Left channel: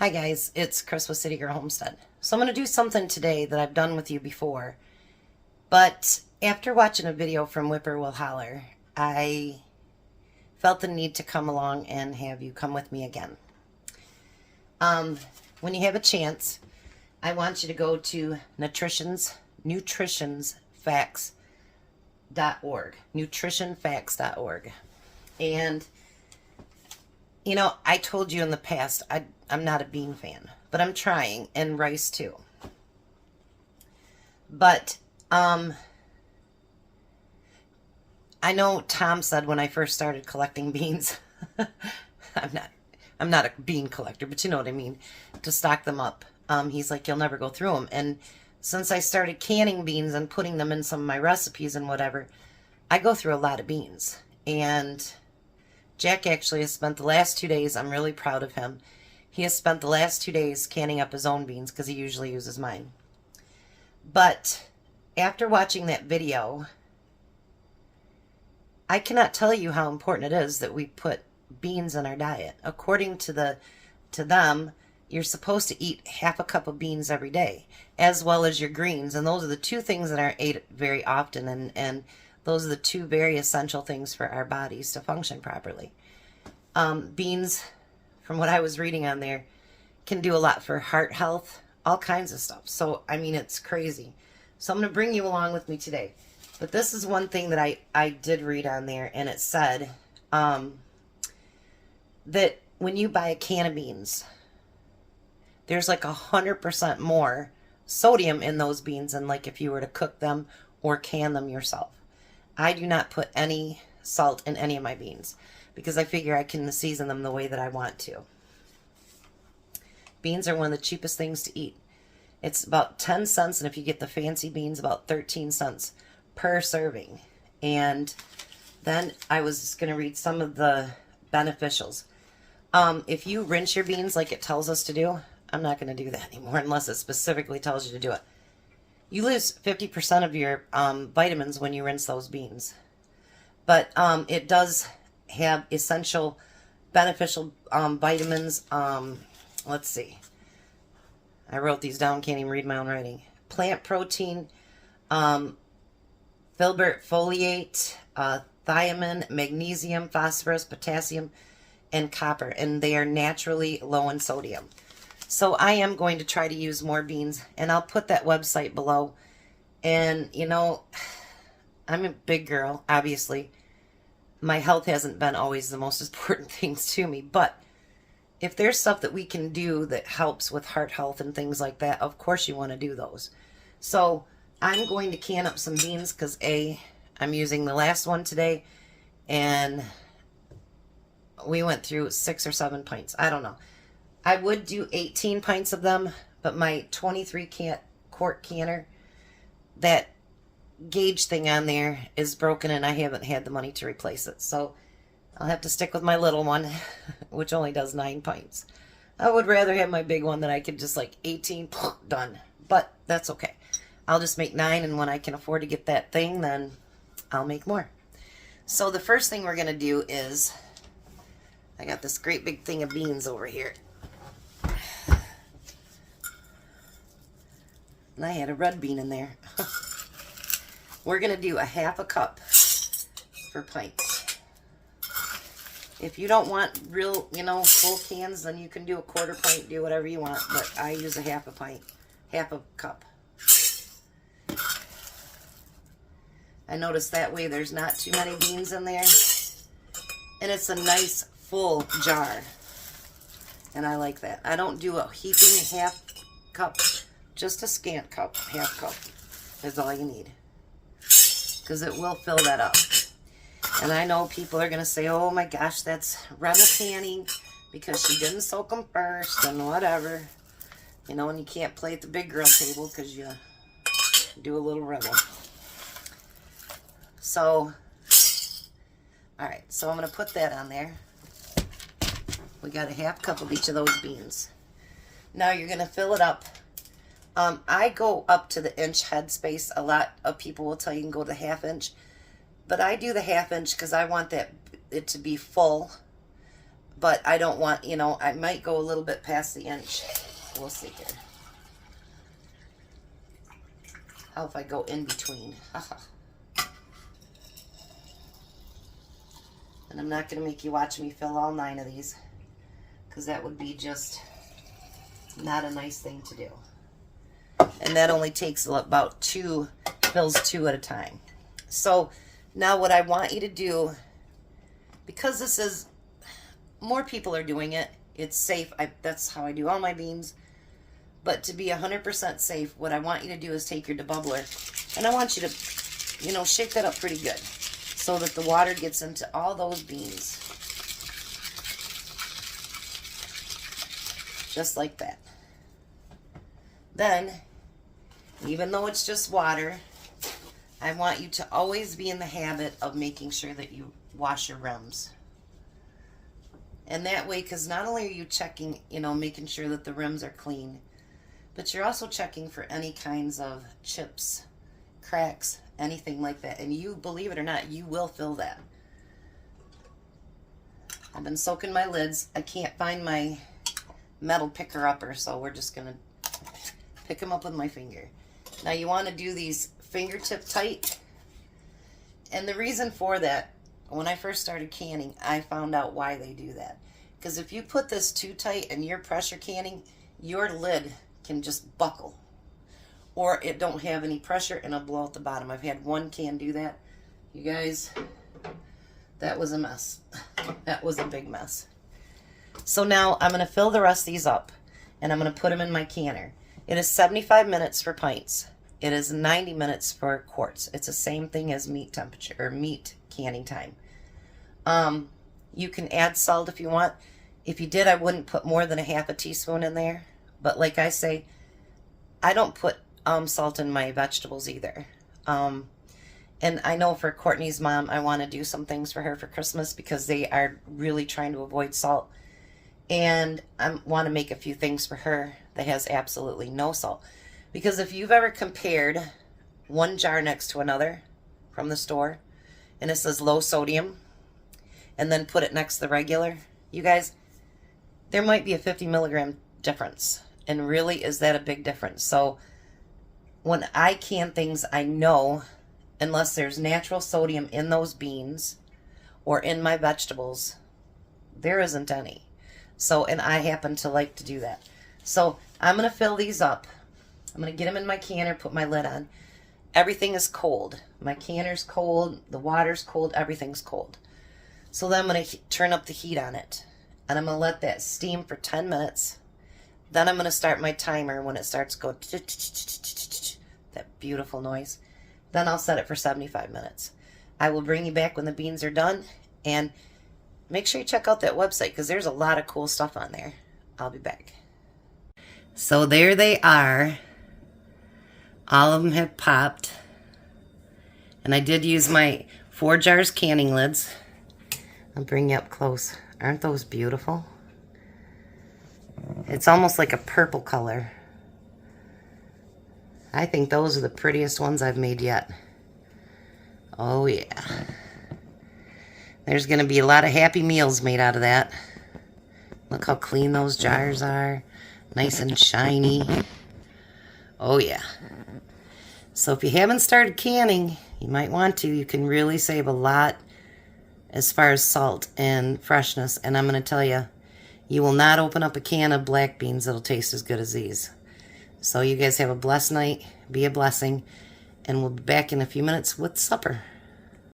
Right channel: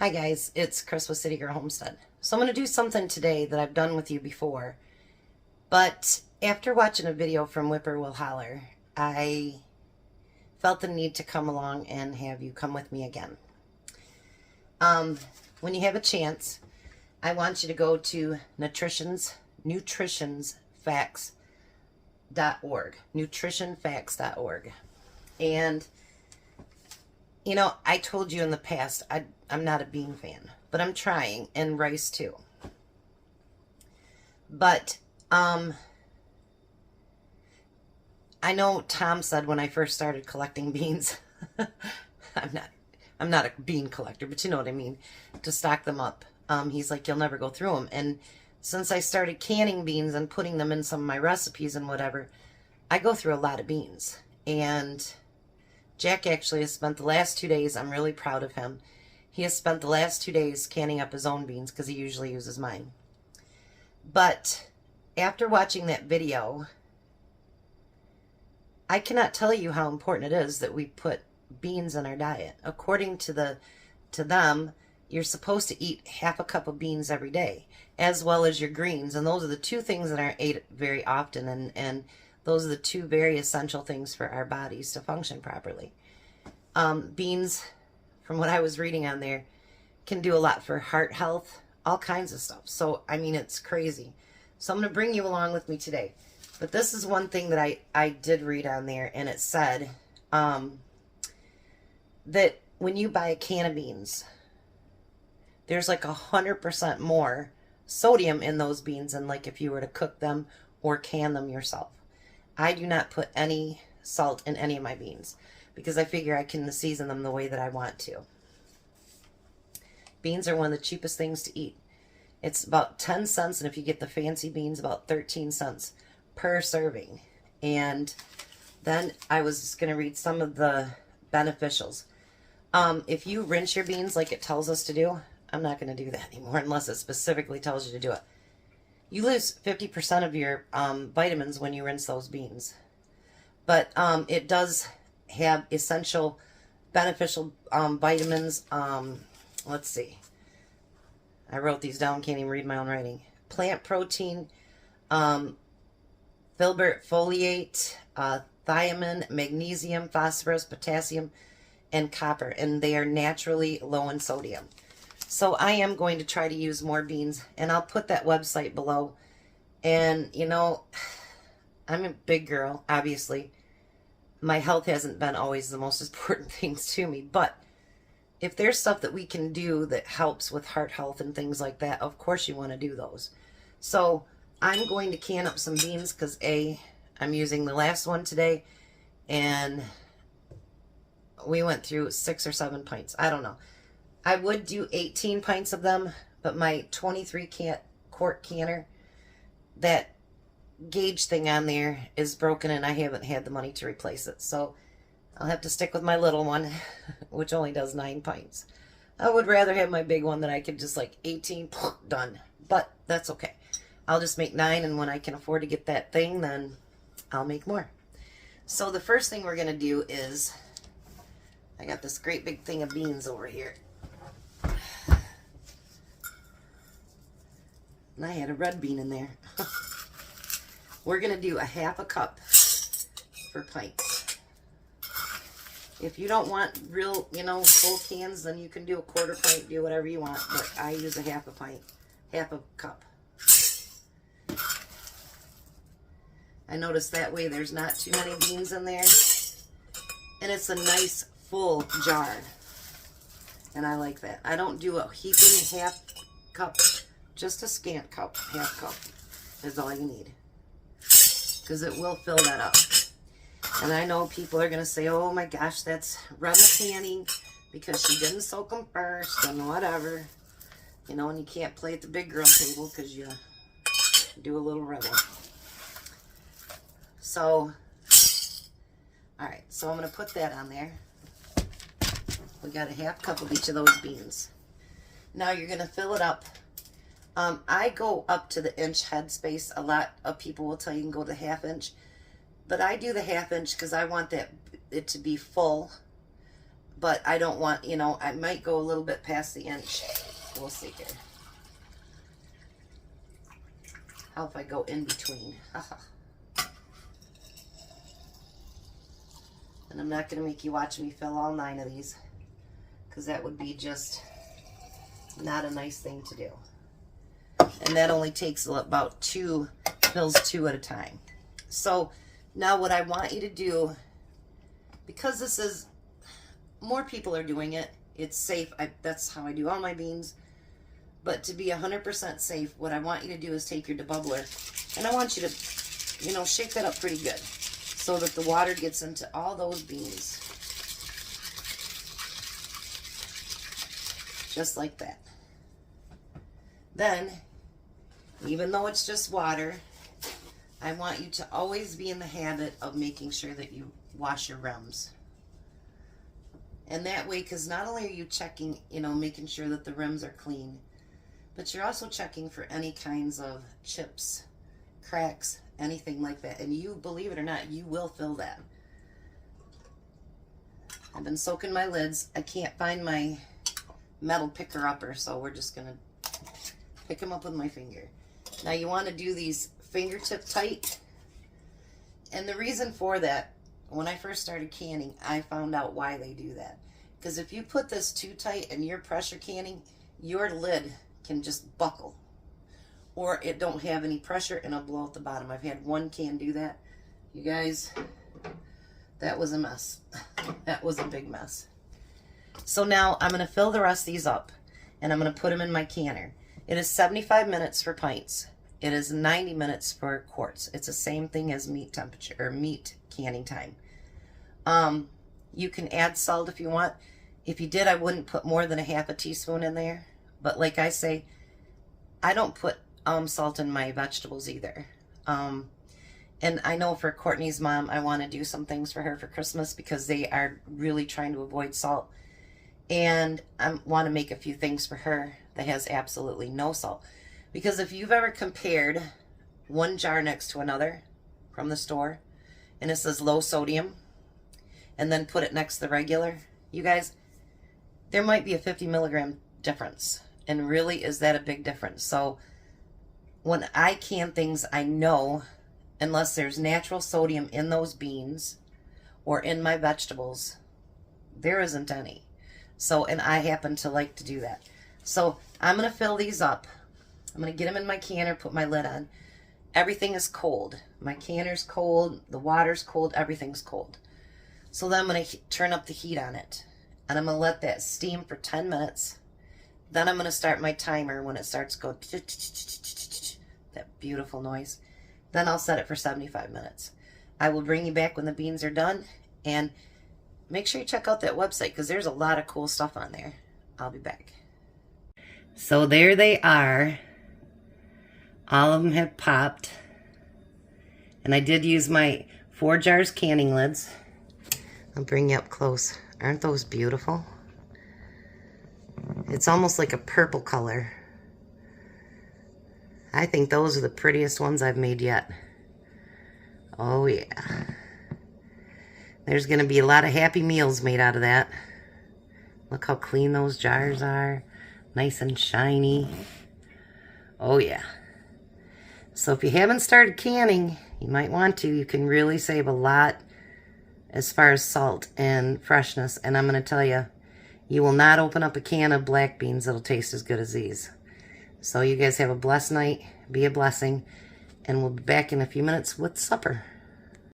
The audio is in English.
Hi guys, it's Chris with City Girl Homestead. So I'm going to do something today that I've done with you before, but after watching a video from Whippoorwill Holler, I felt the need to come along and have you come with me again. When you have a chance, I want you to go to nutritionfacts.org, nutritionfacts.org. And you know, I told you in the past, I'm not a bean fan, but I'm trying, and rice too. But, I know Tom said when I first started collecting beans, I'm not a bean collector, but you know what I mean, to stock them up. He's like, you'll never go through them. And since I started canning beans and putting them in some of my recipes and whatever, I go through a lot of beans. And Jack actually has spent the last 2 days, I'm really proud of him. He has spent the last 2 days canning up his own beans because he usually uses mine. But after watching that video, I cannot tell you how important it is that we put beans in our diet. According to them, you're supposed to eat half a cup of beans every day, as well as your greens. And those are the two things that aren't ate very often, and those are the two very essential things for our bodies to function properly. Beans, from what I was reading on there, can do a lot for heart health, all kinds of stuff. So, I mean, it's crazy. So I'm going to bring you along with me today. But this is one thing that I did read on there, and it said that when you buy a can of beans, there's like 100% more sodium in those beans than like if you were to cook them or can them yourself. I do not put any salt in any of my beans because I figure I can season them the way that I want to. Beans are one of the cheapest things to eat. It's about 10 cents, and if you get the fancy beans, about 13 cents per serving. And then I was going to read some of the beneficials. If you rinse your beans like it tells us to do, I'm not going to do that anymore unless it specifically tells you to do it. You lose 50% of your vitamins when you rinse those beans. But it does have essential, beneficial vitamins. Let's see. I wrote these down, can't even read my own writing. Plant protein, filbert foliate, thiamine, magnesium, phosphorus, potassium, and copper. And they are naturally low in sodium. So I am going to try to use more beans, and I'll put that website below. And, you know, I'm a big girl, obviously. My health hasn't been always the most important things to me, but if there's stuff that we can do that helps with heart health and things like that, of course you want to do those. So I'm going to can up some beans because, I'm using the last one today, and we went through 6 or 7 pints. I don't know. I would do 18 pints of them, but my 23 quart canner, that gauge thing on there is broken, and I haven't had the money to replace it. So I'll have to stick with my little one, which only does 9 pints. I would rather have my big one that I could just like 18, done. But that's okay. I'll just make 9, and when I can afford to get that thing, then I'll make more. So the first thing we're going to do is, I got this great big thing of beans over here. And I had a red bean in there. We're going to do a half a cup for pints. If you don't want real, you know, full cans, then you can do a quarter pint, do whatever you want. But I use a half a pint, half a cup. I noticed that way there's not too many beans in there. And it's a nice full jar. And I like that. I don't do a heaping half cup. Just a scant cup, half cup is all you need. Because it will fill that up. And I know people are going to say, oh my gosh, that's Rebel canning because she didn't soak them first and whatever. You know, and you can't play at the big girl table because you do a little Rebel. So, alright, so I'm going to put that on there. We got a half cup of each of those beans. Now you're going to fill it up. I go up to the inch head space. A lot of people will tell you can go to the ½ inch. But I do the ½ inch because I want it to be full but I don't want, you know, I might go a little bit past the inch. We'll see here. How if I go in between? And I'm not going to make you watch me fill all 9 of these, because that would be just not a nice thing to do. And that only takes about 2 fills 2 at a time. So now what I want you to do, because this is, more people are doing it, it's safe. That's how I do all my beans. But to be 100% safe, what I want you to do is take your debubbler, and I want you to, you know, shake that up pretty good so that the water gets into all those beans. Just like that. Then, even though it's just water, I want you to always be in the habit of making sure that you wash your rims. And that way, because not only are you checking, you know, making sure that the rims are clean, but you're also checking for any kinds of chips, cracks, anything like that. And you, believe it or not, you will fill that. I've been soaking my lids. I can't find my metal picker upper, so we're just going to pick them up with my finger. Now you want to do these fingertip tight. And the reason for that, when I first started canning, I found out why they do that. Because if you put this too tight and you're pressure canning, your lid can just buckle. Or it don't have any pressure and it'll blow out the bottom. I've had one can do that. You guys, that was a mess. That was a big mess. So now I'm going to fill the rest of these up. And I'm going to put them in my canner. It is 75 minutes for pints. It is 90 minutes for quarts. It's the same thing as meat temperature, or meat canning time. You can add salt if you want. If you did, I wouldn't put more than a half a teaspoon in there. But like I say, I don't put salt in my vegetables either. And I know for Courtney's mom, I want to do some things for her for Christmas because they are really trying to avoid salt. And I want to make a few things for her that has absolutely no salt. Because if you've ever compared one jar next to another from the store, and it says low sodium, and then put it next to the regular, you guys, there might be a 50 milligram difference. And really, is that a big difference? So when I can things, I know, unless there's natural sodium in those beans or in my vegetables, there isn't any. So, and I happen to like to do that. So I'm going to fill these up. I'm going to get them in my canner, put my lid on. Everything is cold. My canner's cold, the water's cold, everything's cold. So then I'm going to turn up the heat on it. And I'm going to let that steam for 10 minutes. Then I'm going to start my timer when it starts to go that beautiful noise. Then I'll set it for 75 minutes. I will bring you back when the beans are done. And make sure you check out that website because there's a lot of cool stuff on there. I'll be back. So there they are. All of them have popped. And I did use my 4 jars canning lids. I'll bring you up close. Aren't those beautiful? It's almost like a purple color. I think those are the prettiest ones I've made yet. Oh yeah. There's going to be a lot of happy meals made out of that. Look how clean those jars are. Nice and shiny. Oh yeah. So if you haven't started canning, you might want to. You can really save a lot as far as salt and freshness. And I'm going to tell you, you will not open up a can of black beans that'll taste as good as these. So you guys have a blessed night. Be a blessing. And we'll be back in a few minutes with supper.